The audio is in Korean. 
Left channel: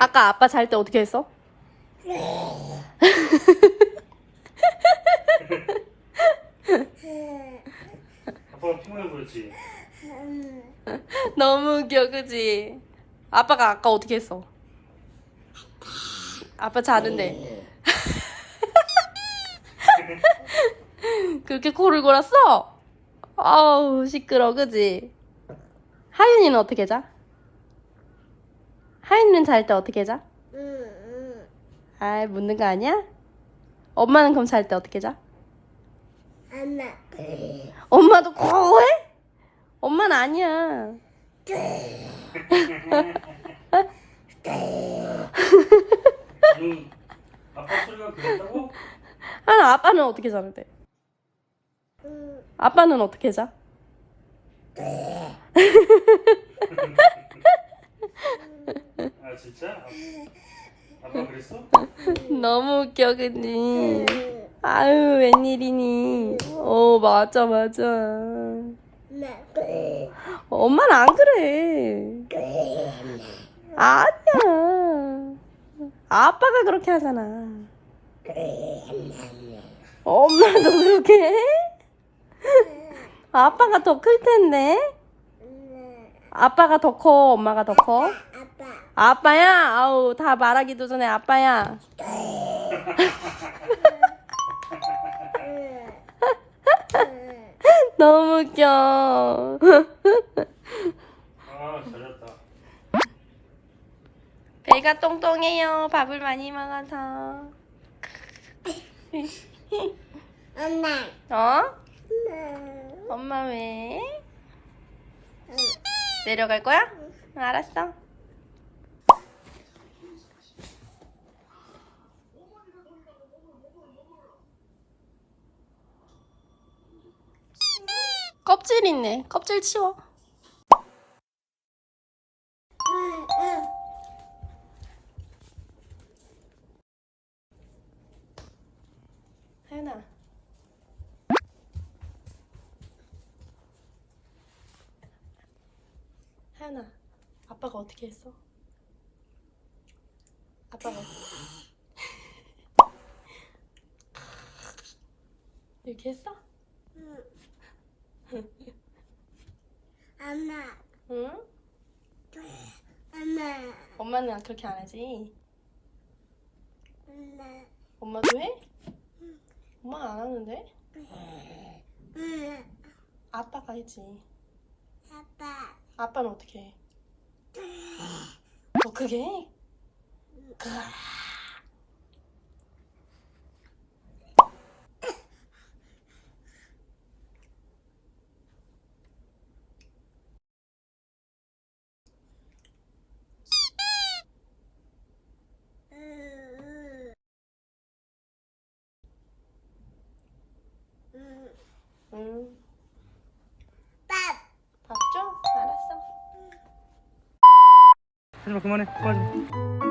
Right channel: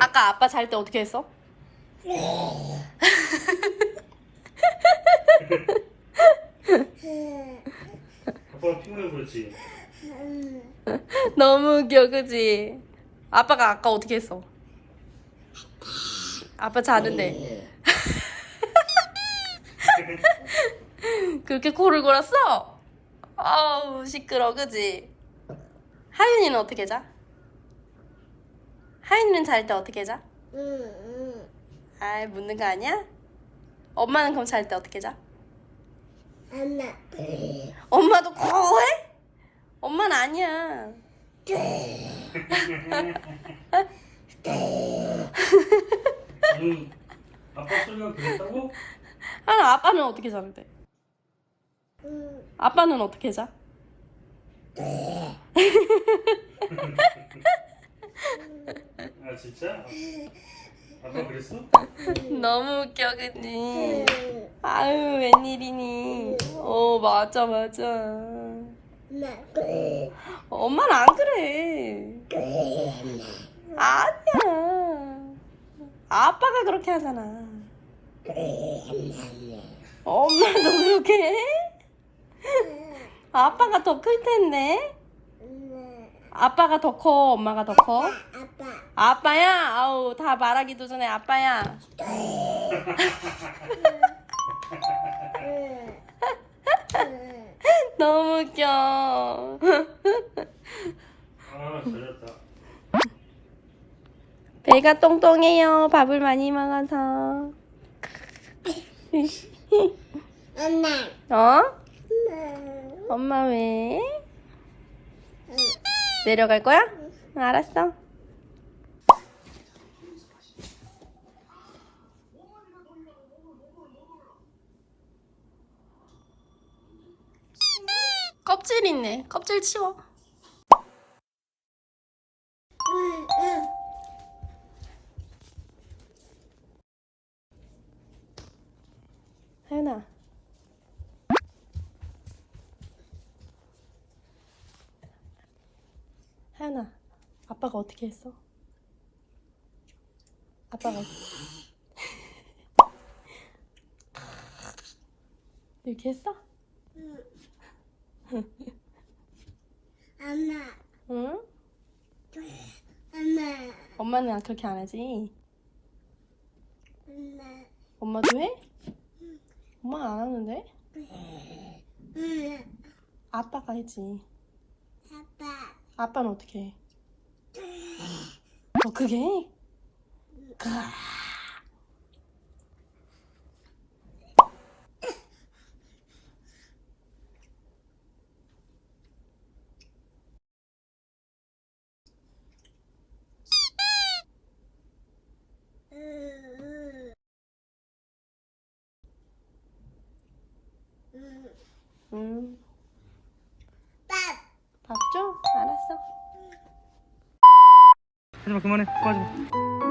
아까 아빠 잘 때 어떻게 했어? 아빠가 피곤해 그렇지. 너무 웃겨, 그지? 아빠가 아까 어떻게 했어? 아빠 자는데 그렇게 코를 골았어? 아우 시끄러, 그지? 하윤이는 어떻게 자? 하윤이는 잘 때 어떻게 자? 아이 묻는 거 아니야? 엄마는 그럼 잘 때 어떻게 자? 엄마. 엄마도 코해? 엄마는 아니야. 아빠 소리가 그랬다고? 아빠는 어떻게 자는데? 아빠는 어떻게 자? 아 진짜? 아빠 그랬어? 너무 웃겨, 그니? 아유 웬일이니? 맞아 맞아. 엄마는 안 그래. 아니야. 아빠가 그렇게 하잖아. 엄마도 그렇게 해? 아빠가 더 클 텐데. 아빠가 더 커, 엄마가 더 커? 아빠. 아빠야? 아우 다 말하기도 전에 아빠야. 너무 웃겨. 아 잘했다. 배가 똥똥해요. 밥을 많이 먹어서. 엄마. 어? 엄마 왜? 내려갈 거야? 알았어. 껍질 있네. 껍질 치워. 하연아. 하연아. 아빠가 어떻게 했어? 아빠가 이렇게 했어? 엄마. 응? 엄마. 엄마는 그렇게 안 하지. 엄마. 엄마도 해? 엄마는 안 하는데? 아빠가 했지. 아빠. 아빠는 어떻게 해? 더 크게 해? 응. 밥. 밥 줘? 알았어. 하지마 그만해. 꺼져.